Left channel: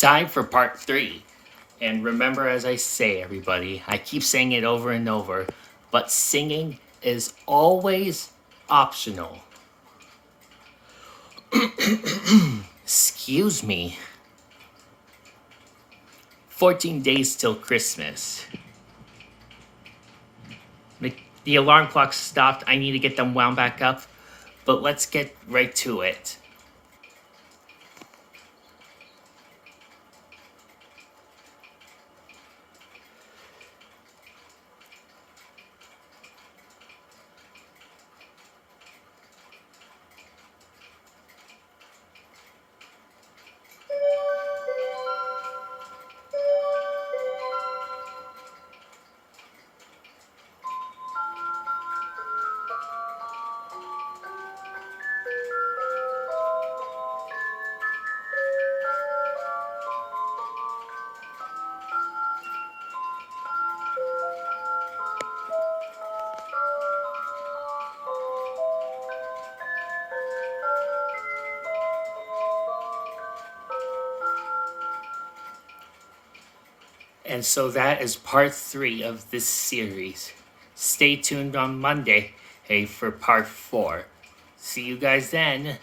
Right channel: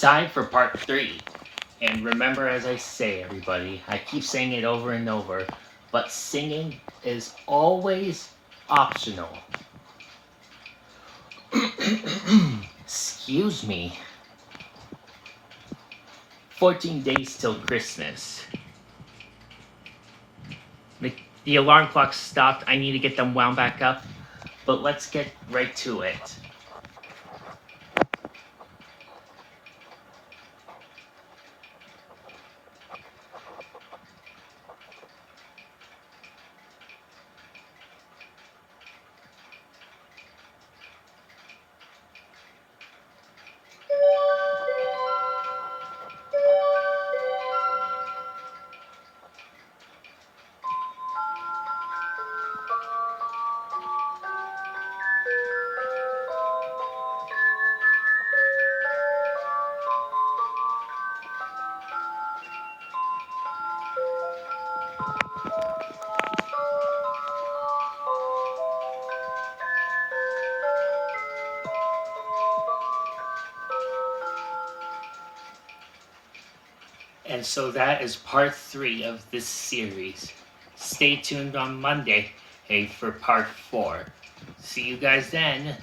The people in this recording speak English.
Time for part 3. And remember, as I say, everybody, I keep saying it over and over, but singing is always optional. Excuse me. 14 days till Christmas. The alarm clock stopped. I need to get them wound back up. But let's get right to it. And so that is part 3 of this series. Stay tuned on Monday, hey, for part 4. See you guys then.